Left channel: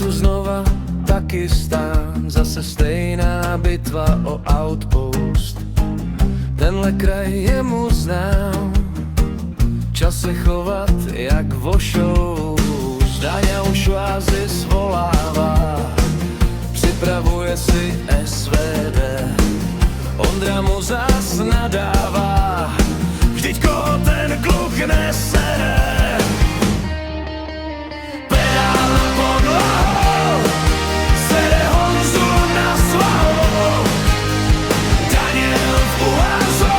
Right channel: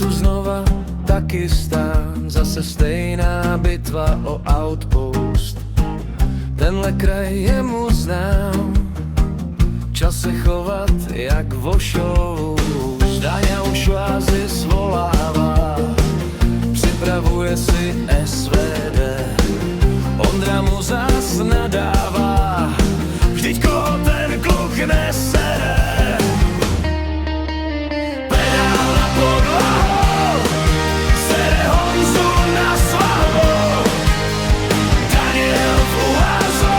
tu znova Takistán, zase stejná bitva o outpost. Tenhle kraj je mu znám, čas se chovat jak vošou. Zdáňa už oázy svolává, připravuje si SVD. Ondra mu zas nadává, vždyť koho ten kluk nesere. Pedál na podlahu, sere Honzu na svahu. Daniel v uázu,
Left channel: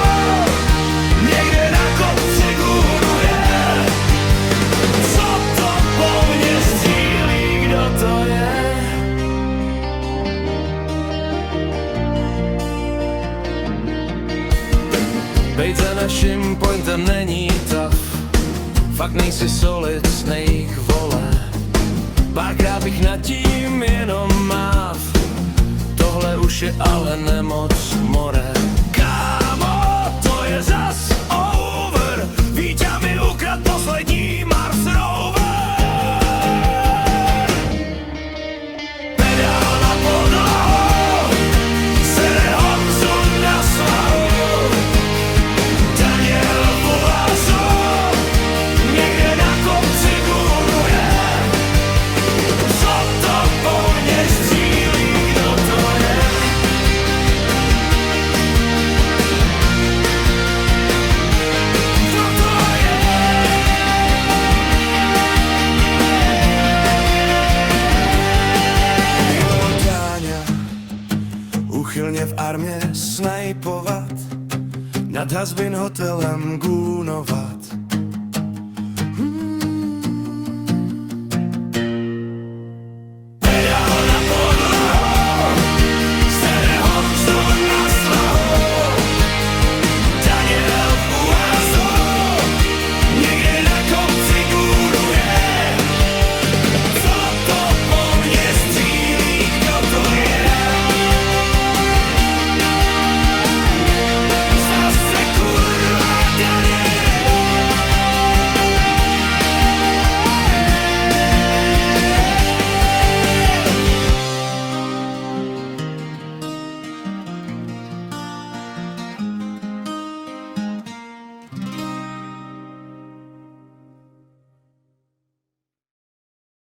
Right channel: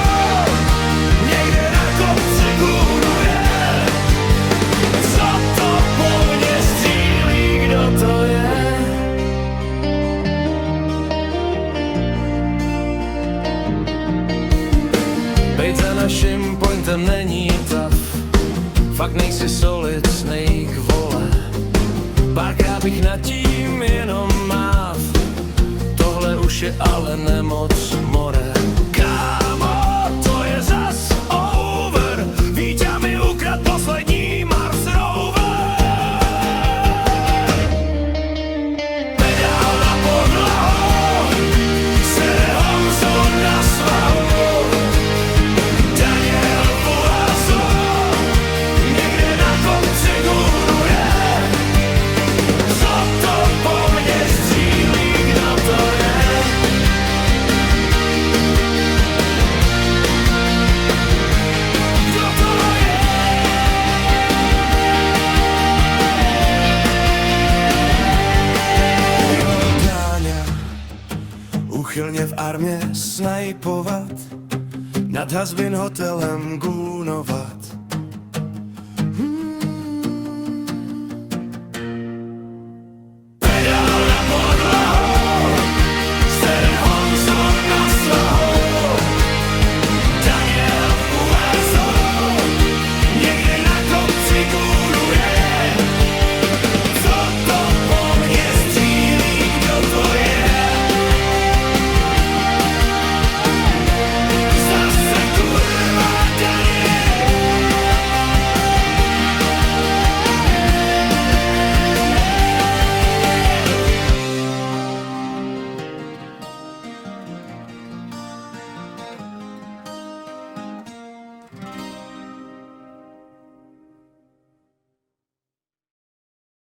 někde na kopci gůruje. Co to po mně střílí, kdo to je? Bejt za naším pointem není tough, fakt nejsi solid snake, vole. Párkrát bych nad tím jenom máv, tohle už je ale nemoc more. Kámo, to je zas over, Víťa mi ukrad poslední Mars Rover. Pedál na podlahu, sere Honzu na svahu. Daniel v uázu, někde na kopci gůruje. Co to po mně střílí, kdo to je? Kdo to je? Jo, Dáňa, úchylně v armě snajpovat, nad Hazbin hotelem gůnovat.